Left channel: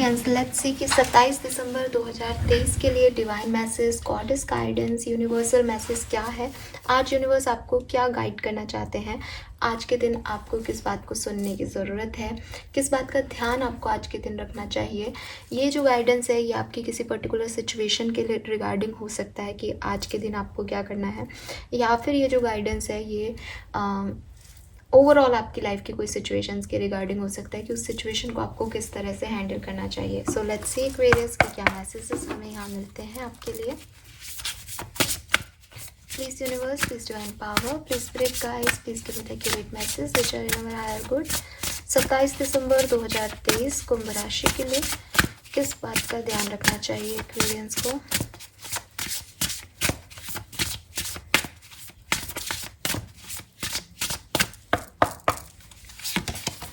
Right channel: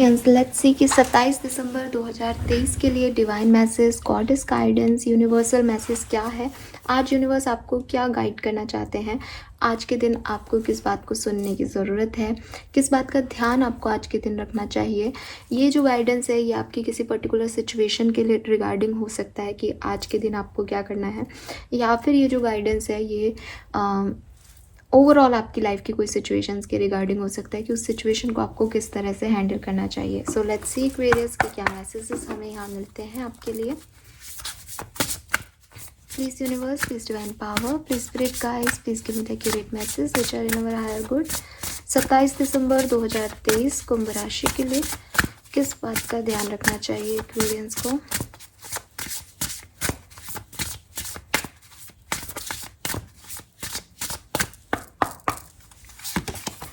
Aquarians let's see कि 27 दिसंबर 2023 के लिए divine message, goddess guidance, universal message क्या है। आज यूनिवर्स आपको क्या गाइड करना चाहते हैं। आज के दिन आपको किस बात को सुनने की ज़रूरत है, किस बात का ध्यान आपको आज के दिन रखना चाहिए। ये जो गाइडेंस है ये आपकी किसी पर्टिकुलर सिचुएशन के लिए रिगार्डिंग हो सकता है कि आज के दिन आपको क्या करना है, या फिर ये जो गाइडेंस है ये ओवरऑल आपकी लाइफ की कोई सिचुएशंस के रिगार्डिंग हो सकता है कि उस सिचुएशन को आपको किस तरह से हैंडल करना चाहिए। सो लेट्स सी एक्वेरियस के क्या मैसेजेस हमें यहाँ मिलते हैं आपके लिए। Please universe, please divine power, please spirit guides, please give me the accurate message which are in our higher good. 27 दिसंबर 2023 कुंभ राशि के लिए किस बात का ध्यान रखना चाहिए एक्वेरियंस को।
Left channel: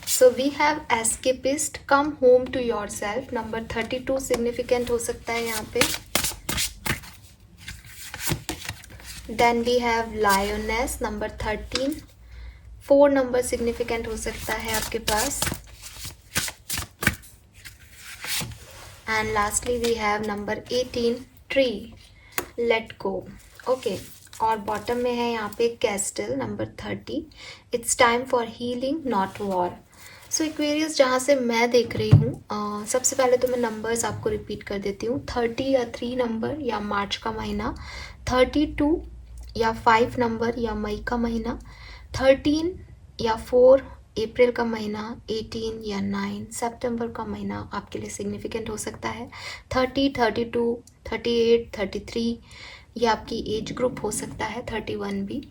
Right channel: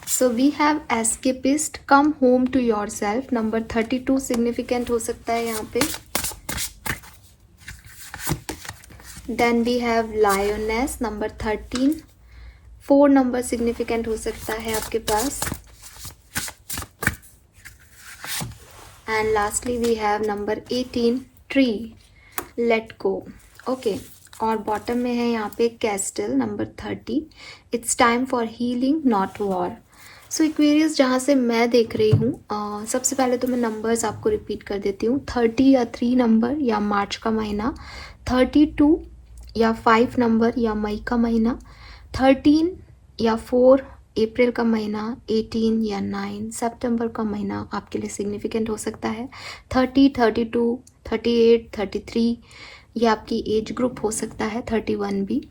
So we have escapist, come home to yourself. Number 32 significant हो सकता है यहाँ पे। Then we have lioness, number 13। 4 number significant हो सकता है आपके पास। And lastly we have number 18, tree, let go. Okay, और बॉटम में है यहाँ पे castle, number 30। It's time for healing not war. So Aquarius जहाँ से मैं देख रही हूँ, सबसे पहले तो मैं नंबर्स आपको रिपीट कर देती हूँ। 30 या 3 नंबर या मार्च का महीना, 32 या 5 नंबर या मई का महीना, 13 या 4 अप्रैल का महीना, 18 या 9 सितंबर का महीना आपके लिए सिग्निफिकेंट हो सकता है। 30, 32, 38, 33 ये आपकी एज ग्रुप हो सकता है। 31 भी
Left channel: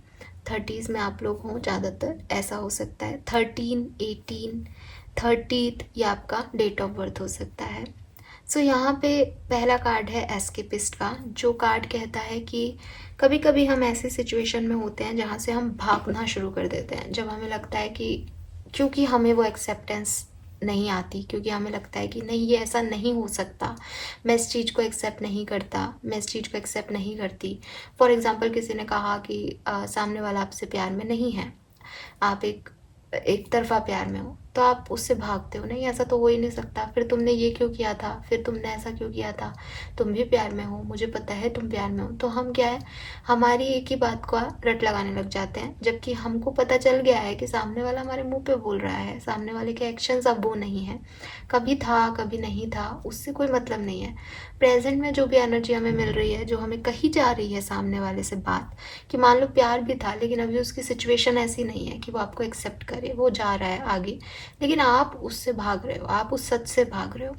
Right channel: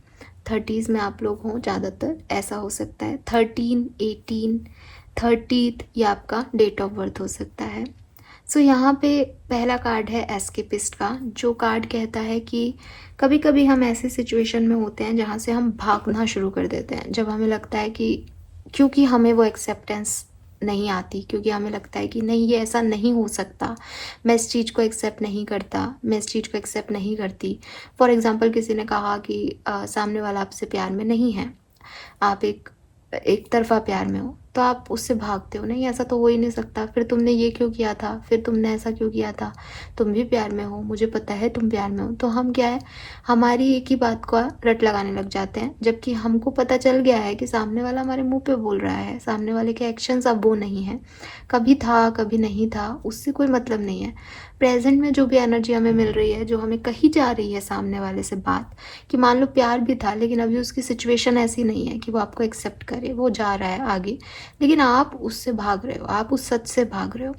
30s में आप लोग हों ज़्यादातर, ऐसा हो सकता है। 13, 18, 30 ये आपका डेट ऑफ बर्थ हो सकता है। सो यहाँ पे पहला कार्ड है एस्केपिस्ट का, जो कार्ड कहता है कि कभी कभी हम ऐसे सिचुएशन में होते हैं जहाँ से हम भागना शुरू कर देते हैं, जब हमें लगता है कि क्योंकि हमें वो एक्सेप्टेंस नहीं आती, क्योंकि हमें लगता है कि नहीं ये ऐसा नहीं हो सकता, मैं इस चीज़ को एक्सेप्ट नहीं करता, मैं इस चीज़ को एक्सेप्ट नहीं करती। फॉर एग्जांपल किसी ने कहा कि सामने वाला आपसे प्यार में नहीं है, आप एक तरफा प्यार में हो, तो आप उससे भागते हो, नहीं ऐसा तो हो ही नहीं सकता, फिर तुमने ये क्यों किया था, फिर तुमने ऐसा क्यों किया था, तुम भी प्यार में हो, मुझे पता है तुम प्यार में हो। तो हम क्या है, हमारी एक ही बात का रट लगाने लग जाते हैं, जबकि हमको पता चल गया है कि सामने वाला हमारे मुंह पे बोल रहा है, सामने वाले के एक्शंस अब वो नहीं है, कभी था कभी नहीं था, उससे कोई मतलब नहीं है। प्रेजेंट में जो भी एनर्जी हमें मिल रही है, जो हमें कही जा रही है सामने वाले से बात, कि मान लो प्यार भी था लेकिन अभी उसकी सिचुएशन ऐसी नहीं है कि वो आपको एक्सेप्ट करे, वो जा रहा है आगे, लेकिन आप उससे भाग रहे हो, आप उस सच से भाग रहे हो।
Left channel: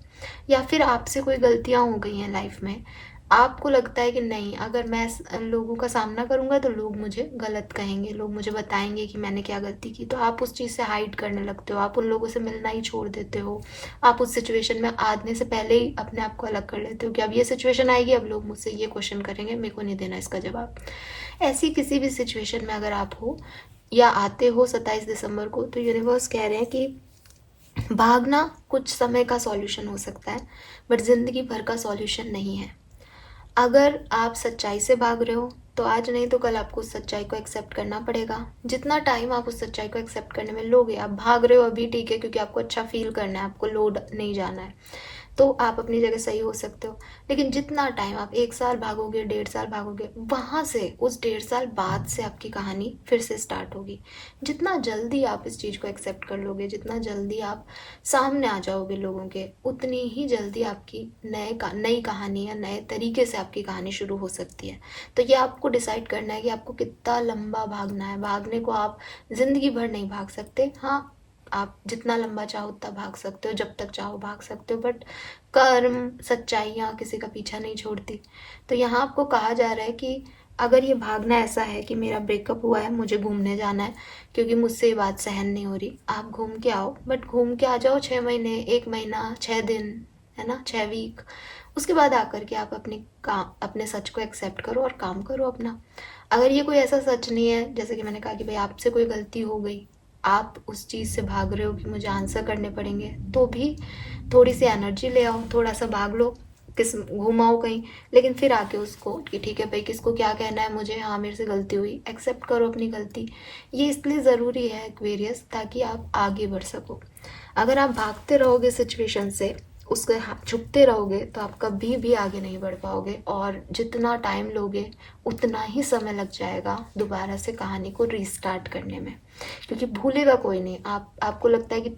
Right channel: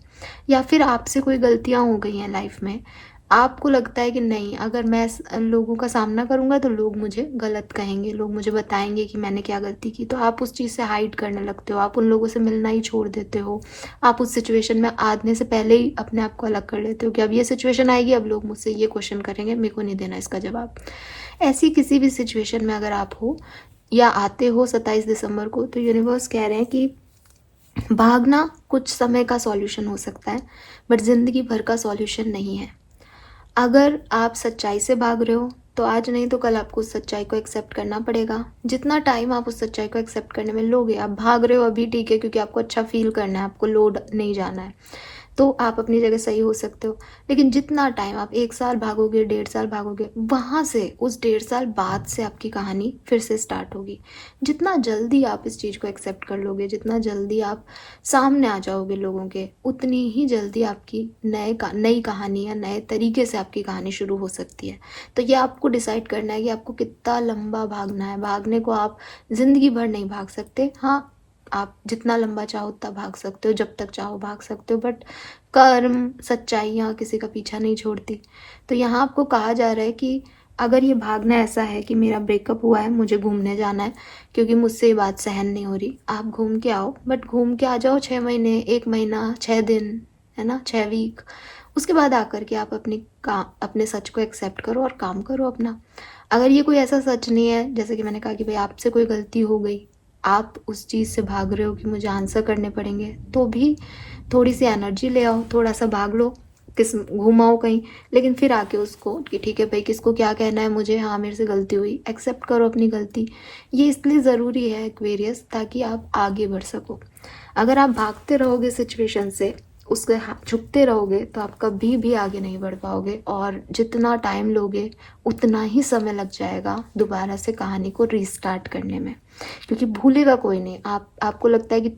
या फिर आपसे कोई गलतियां हो गई हैं लाइफ में, आपको लगता है कि नहीं अगर मैं लोगों का सामना करूंगा तो लोग मुझे गलत कहेंगे, लोग मुझे बताएंगे कि मैंने क्या गलती की, तो आप उस चीज़ से हाइड करने लगते हो, आप उन लोगों से मिलना ही छोड़ देते हो, आप उस सिचुएशन में आने से पहले ही अपने आप को अलग कर लेते हो कि अब ये सिचुएशन आएगी, अब लोग मुझसे ये क्वेश्चन करेंगे, मेरे को नहीं देना इसका जवाब। ऐसी किसी भी सिचुएशन में अगर आप हो या आते हो 27 दिसंबर को, तो यूनिवर्स कह रहे हैं कि भागना कुछ समय का सॉल्यूशन हो सकता है, बट ज़िंदगी भर का सॉल्यूशन नहीं है। अगर आप सच्चाई से भाग रहे हो तो आज नहीं तो कल आपको उस सच्चाई को एक्सेप्ट करना पड़ेगा। जितना टाइम आप उस सच्चाई को एक्सेप्ट करने में लोगे, आप भाग रहे हो अभी ठीक है क्योंकि आपको अच्छा फील करना है, आपको लोड नहीं जाना है, तो आप अपनी जगह सही हो सकते हो। लेकिन जितना टाइम आप 1 साल भागोगे, 1.5 साल भागोगे, वहाँ से उस 1.5 साल बाद से आपकी कहानी फिर से स्टार्ट होगी। जितना जल्दी आप इस चीज़ को एक्सेप्ट कर लोगे, जितना जल्दी आप सामने आ जाओगे लोगों के, उतनी ही जल्दी आपकी नई कहानी या नए तरीके से आपकी कहानी शुरू हो सकती है। तो ये आपको डिसाइड करना है कि आपको कितना लंबा भागना है। भागने को आप ज़िंदगी भर नहीं भाग सकते, हाँ आप जितना लंबा चाहो उतना भाग सकते हो, जब तक चाहो भाग सकते हो, बट कर्म सच्चाइयाँ किसी का पीछा नहीं छोड़ती। तो यहाँ आपको कहा जा रहा है कि अगर ये भागना ऐसा है कि मेरा ब्रेकअप हुआ है, मुझे घूमने जाना है क्योंकि मुझसे ये बात सहन नहीं हो रही, आप घूम के आओ, बट घूम के आ जाओ 6 महीने, 1 महीना, 6 दिन, है ना, 6 वीक। उसके बाद आकर के आप अपने सच को एक्सेप्ट करो और काम करो अपना। अगर ये कोई ऐसा सच नहीं है, जैसे कि मैंने कहा कि भाई आपसे कोई गलती हो गई, आप उस चीज़ से भाग रहे हो कि मुझे आंसर करने पड़ेंगे, तो भी थोड़ी सी एनर्जी ले आओ, थोड़ा सा भाग लो, घुमाओ कहीं, लेकिन फिर आके उसको कि ठीक है भाई किसको क्या कहना है मुझे, हाँ मेरे से गलती हुई, एक्सेप्ट करो अपनी गलती। ये इसलिए ज़रूरी है एक्वेरियस, ताकि आप आगे बढ़ सको। अगर आप भागते रहोगे सिचुएशन से उसके झुकते रहोगे तो आप कभी भी आगे नहीं बढ़ पाओगे, और जितना टाइम लोगे उतना ही समय लग जाएगा दोबारा से कहानी को रीस्टार्ट करने में, क्योंकि भूलेगा कोई नहीं। आपको लगता है कि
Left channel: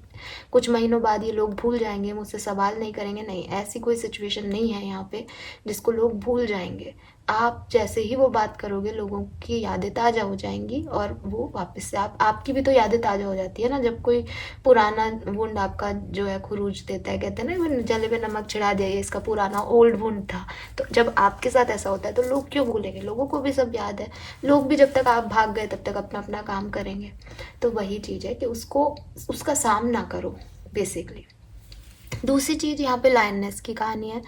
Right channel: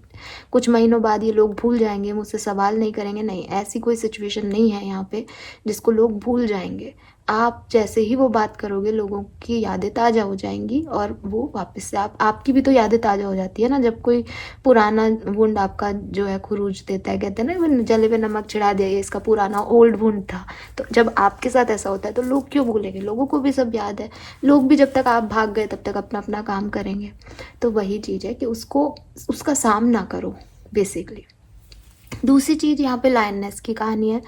कुछ महीनों बाद ये लोग भूल जाएंगे, मुझसे सवाल नहीं करेंगे, नहीं, ऐसी कोई सिचुएशन नहीं है यहाँ पे जिसको लोग भूल जाएंगे। आप जैसे ही वो बात करोगे लोगों की यादें ताज़ा हो जाएंगी, और वो वापस से आपकी भी तो यादें ताज़ा हो जाती है ना, जब कोई पुराना वुंड आपका जो है खुरूज देता है, कहते हैं ना जले पे नमक छिड़ा दे, ये इसका पुराना ओल्ड वुंड था। तो जब आपके साथ ऐसा होता है तो लोग क्यों भूलेंगे, लोगों को भी सब याद है। लोग भी जब तक आप भाग गए तब तक अपना अपना काम करेंगे। तो वही चीज़ है कि उसका सामना करो बेसिकली। दूसरी चीज़ यहाँ पे लायननेस की कहानी है,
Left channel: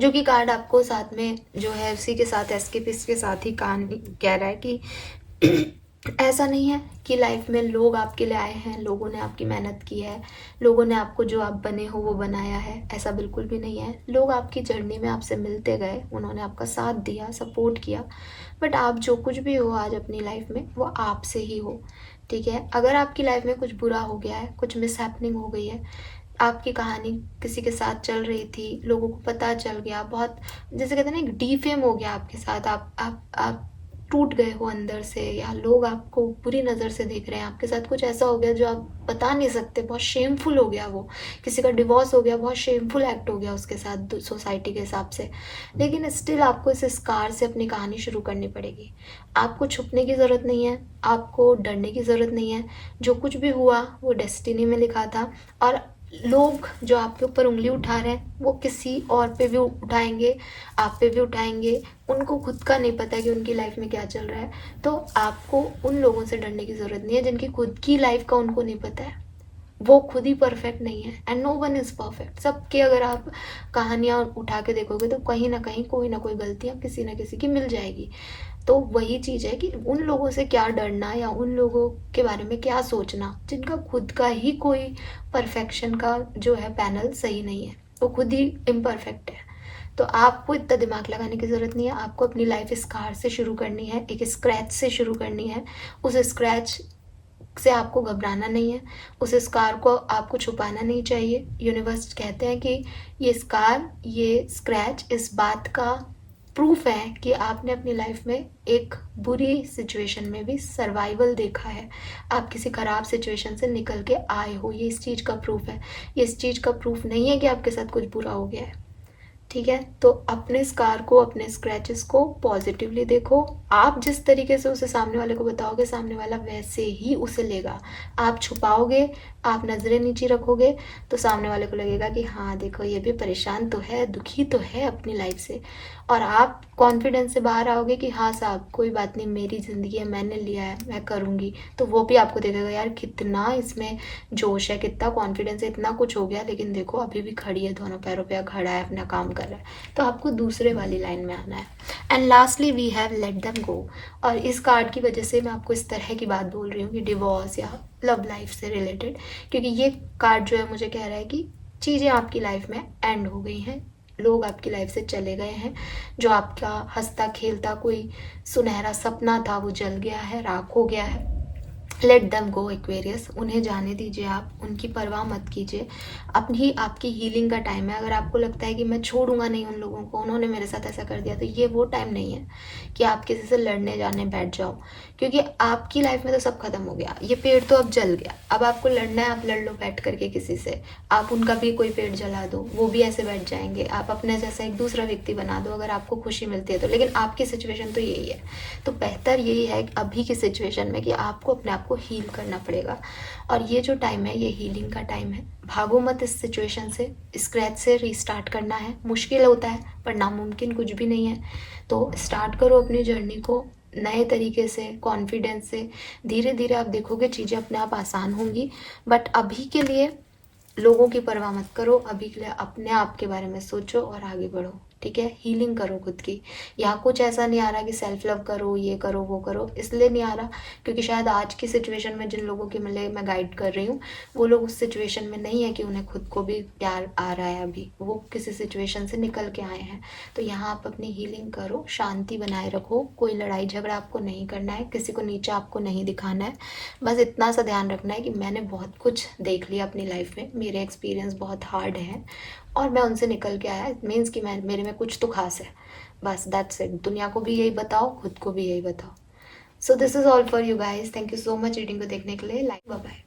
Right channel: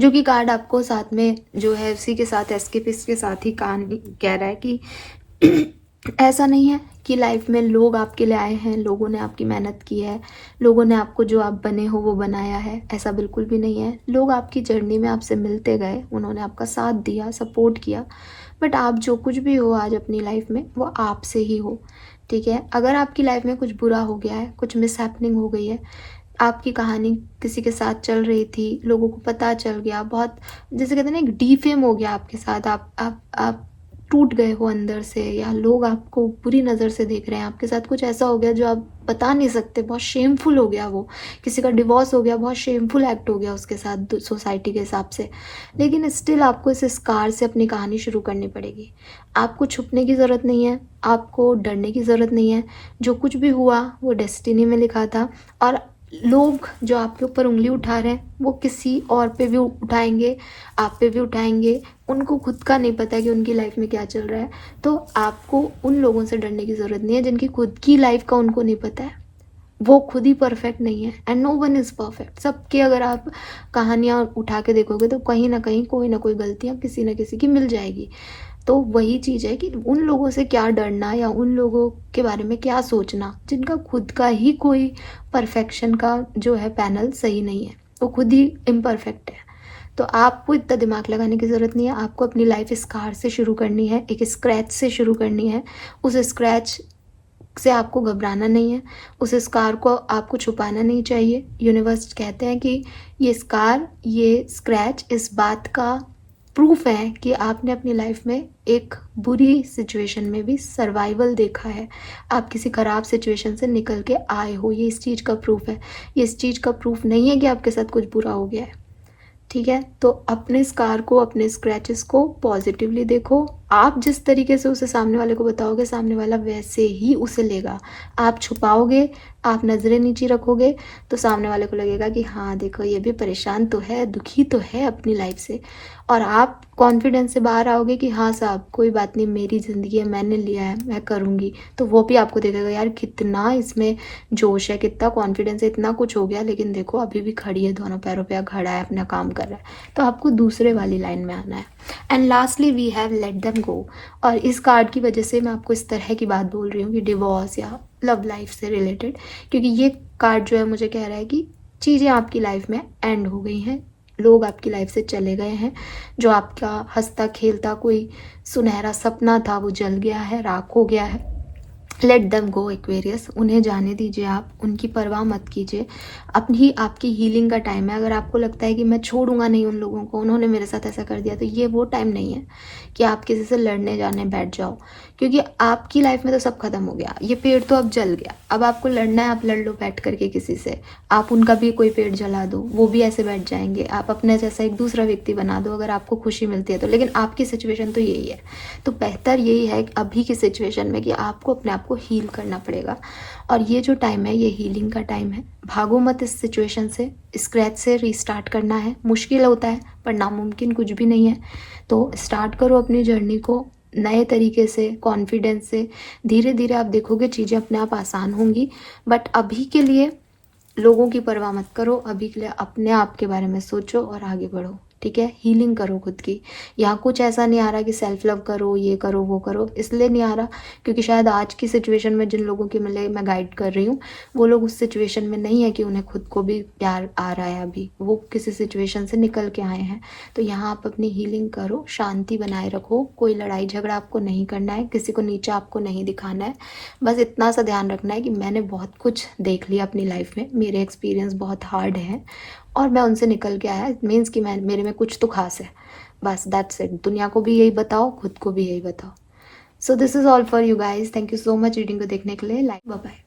जो कि कार्ड आपको साथ में जो है उसी के साथ एस्केपिस्ट के साथ ही कहानी कह रहा है कि ऐसा नहीं है कि लाइफ में लोग आपके लिए आए हैं, लोगों ने आपकी मेहनत की है, लोगों ने आपको जो आप बने हो वो बनाया है, ऐसा बिल्कुल भी नहीं है। लोग आपकी जर्नी में आपसे मिलते गए, उन्होंने आपका साथ दिया, सपोर्ट किया, बट आप जो कुछ भी हो आज अपनी लाइफ में वो आपसे ही हो। ठीक है, अगर आपकी लाइफ में कुछ बुरा हो गया है, कुछ मिसहैपनिंग हो गई है, आपकी कहानी किसी के साथ चल रही थी, लोगों को पता चल गया, बहुत जैसे कहते हैं ना एक डीफेम हो गया आपके साथ, आप टूट गए हो अंदर से, या लोग आपको बुरी नज़र से देख रहे हैं, आपके साथ कुछ ऐसा हो गया जो आप बता नहीं सकते, बहुत शेमफुल हो गया वो, किसी का डिवोर्स हो गया, बहुत शेमफुल एक्ट हो गया उसके साथ सोसाइटी के हिसाब से, लेकिन स्टिल आपको इस स्कार से अपनी कहानी शुरू करनी पड़ेगी। आपको छुपने की ज़रूरत नहीं है, आपको डरने की ज़रूरत नहीं है। जो कुछ भी हुआ वो डेस्टिनी में लिखा था, और लोग जो आपके ऊपर उंगली उठा रहे हैं वो किसी और पे भी उठाएंगे, आप पे भी उठाएंगे। उनको खुद का नहीं पता कि उनकी लाइफ में क्या चल रहा है। तो आपको उन लोगों से डरने की ज़रूरत नहीं है जिनकी खुद की लाइफ का उनको नहीं पता है। वो खुद ही परफेक्ट नहीं है, and no one is perfect. सबकी अगर आप कहानियाँ उठा के देखोगे तो कहीं ना कहीं कोई ना कोई गलतियाँ किसी ना किसी की मिल जाएगी। तो वही चीज़ है कि उन लोगों से क्या डरना, या उन लोगों के बारे में क्या सोचना जिनका खुद का ही कोई परफेक्शन का जो है पैनल सही नहीं है, वो खुद ही इम्परफेक्ट है। तो आपको इतना दिमाग लगाने की ज़रूरत नहीं है। आपको अपनी लाइफ स्कार से शुरू करनी है, एक स्क्रैच से शुरू करनी है। उस स्क्रैच से आपको घबराना नहीं है, उस स्कार को आपको छुपाना नहीं चाहिए। यूनिवर्स कहते हैं कि ये स्कार, ये स्क्रैच इस बात का प्रूफ है कि आपने अपनी लाइफ में एक बुरी सिचुएशन में भी सर्वाइवल देखा है, आप किसी ख़राब सिचुएशन से निकल के आए हो, ये इस चीज़ का प्रूफ है। ये इस चीज़ का प्रूफ नहीं है कि आपके साथ कुछ बुरा हो गया है। ठीक है, तो अपने स्कार को, अपने स्क्रैचेस को पॉजिटिवली देखो। आप जिस तरीके से उसे सामने वाले को बताओगे, सामने वाला वैसे ही उसे लेगा। आप छुपाओगे, आप नज़रें नीचे रखोगे, तो सामने वाले को लगेगा कि हाँ देखो ये भी परेशान तो है, दुखी तो है अपनी लाइफ से। और आप कॉन्फिडेंस से बाहर आओगे कि हाँ साहब कोई बात नहीं, मेरी ज़िंदगी है, मैंने लिया है, मैं करूँगी। तो वो भी आपको देखेगा यार कितना इसमें जोश है, कितना कॉन्फिडेंस है, इतना कुछ हो गया लेकिन देखो अभी भी खड़ी है, दोनों पैरों पे खड़ा है, अपना काम कर रहा है। तो आपको दूसरे वाली लाइन में आना है। And lastly we have let them go. और इस कार्ड की वजह से मैं आपको इस तरह की बात बोल रही हूँ कि डिवोर्स या लव लाइफ से रिलेटेड, क्योंकि ये कार्ड जो है मुझे कह रहा है कि चीज़ें आपकी लाइफ में एंड हो गई हैं, लोग आपकी लाइफ से चले गए हैं, जो आपका हंसता खेलता कोई सुनहरा सपना था वो जल गया है, राख हो गया है। लेट दम गो एक्वेरियस, उन्हें जाने दीजिए, आप उनकी परवाह मत कीजिए। अपनी आपकी हीलिंग का टाइम है। अगर आपको लगता है कि मैं छोड़ूंगा नहीं उन लोगों को, उन्होंने मेरे साथ ऐसा कर दिया, तो ये वो टाइम नहीं है कि आप किसी से लड़ने जाने बैठ जाओ, क्योंकि आपकी लाइफ में तो सब खत्म हो गया, ये पेड़ तो अब जल गया। अब आपको लड़ना है, आप लड़ लो बैठ करके किसी से, आप उनका भी कोई पेड़ जला दो, वो भी ऐसे बैठ जाएंगे, आप अपने जैसा एक दूसरा व्यक्ति बना दो अगर आपको खुशी मिलती है तो। लेकिन आपकी सिचुएशन तो यही है, तो बेहतर यही है अभी की सिचुएशन में कि आपको अपने आप को हील करना पड़ेगा। और ये जो टाइम है ये हीलिंग का टाइम है। भागो मत इस सिचुएशन से, स्क्रैच से रीस्टार्ट करना है। मुश्किल होता है पर नामुमकिन कुछ भी नहीं है। तो स्टार्ट करो अपनी जर्नी को नए तरीके से, कॉन्फिडेंस से। धीरे धीरे आप देखोगे चीज़ें अपने आप आसान होंगी। बट अभी के लिए लोगों की परवाह मत करो, अभी के लिए अपने आप के बारे में सोचो और आगे बढ़ो। ठीक है, हीलिंग करो खुद की। यहाँ कुछ ऐसा नहीं आ रहा कि सेल्फ लव करो, ये करो वो करो, इसलिए नहीं आ रहा क्योंकि शायद आज की सिचुएशन में जिन लोगों के मिले मैं गाइड कर रही हूँ वो लोग उस सिचुएशन में नहीं है कि उन्हें खुद को भी प्यार आ रहा है, अभी वो किसी सिचुएशन से निकल के आए हैं। तो यहाँ आप अपनी हीलिंग करो, शांति बनाए रखो, कोई लड़ाई झगड़ा आपको नहीं करना है, किसी को नीचा आपको नहीं दिखाना है। बस इतना सा ध्यान रखना है कि मैंने बहुत कुछ देख लिया अपनी लाइफ में, मेरे एक्सपीरियंस बहुत हार्ड है और मैं उनसे निकल के आया, मीन्स कि मैं मेरे में कुछ तो खास है, बस दैट्स इट। दुनिया को भी यही बताओ, खुद को भी यही बताओ। So this is all for you guys. Thank you so much reading को देखने के लिए। Like, bye bye.